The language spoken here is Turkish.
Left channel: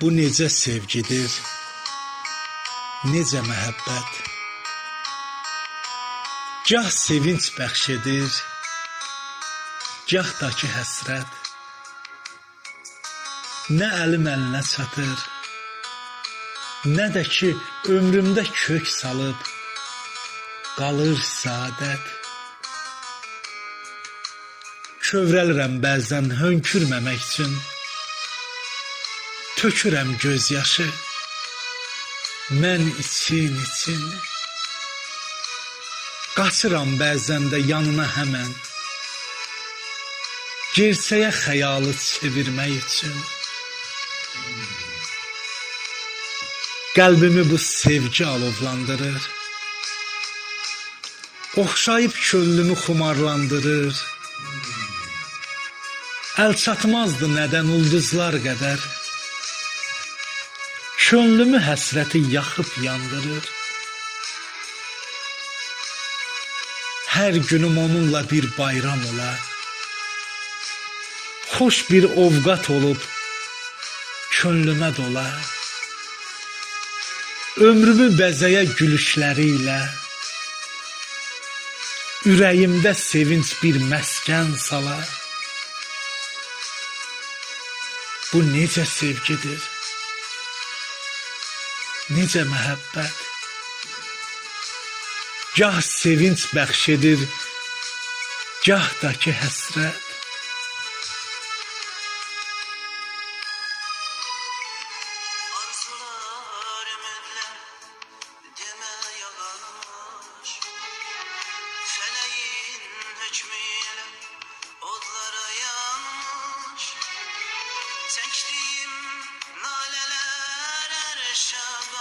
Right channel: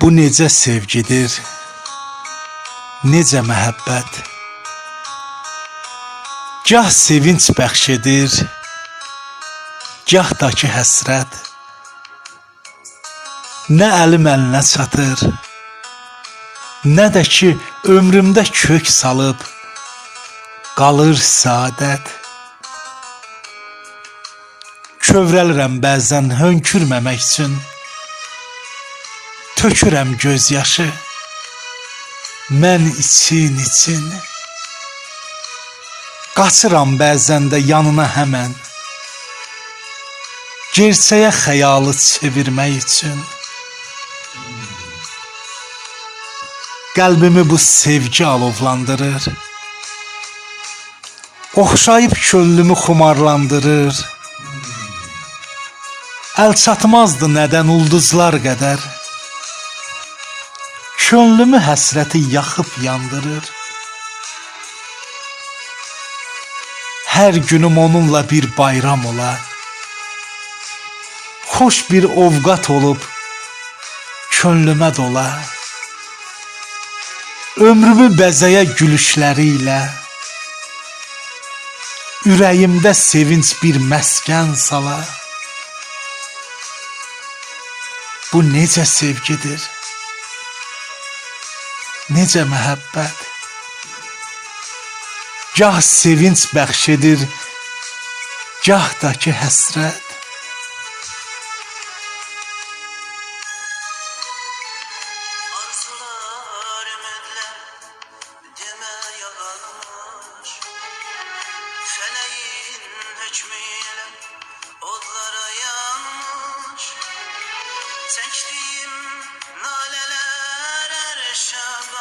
Bu necə sevgidir, necə məhəbbət. Gah sevinç bəxş edir, gah da ki həsrət. Nə əlim əlinə çatır, nə də ki ömrümdə kök salıb qalır saadət. Kövrəlirəm bəzən hönkürməmək üçün. Tökürəm göz yaşı. Mən için için. Qaçıram bəzən də yanına həmən. Gerçəyə xəyalı çevirmək üçün. Qəlbimi bu sevgi alovlandırır. Oxşayıb könlümü xumarlandırır. Əl çatmazdı nədən ulduzlar qədər. Könlümü həsrəti yaxıb yandırır. Hər günüm onunla bir bayram ola. Xoş bir ovqat olub könlümə dola. Ömrümü bəzəyə gülüşləri ilə. Ürəyimdə sevinç bir məskən sala. Bu necə sevgidir? Necə məhəbbət? Gah sevinç bəxş edir, gah da ki həsrət. Hükmüyle odlara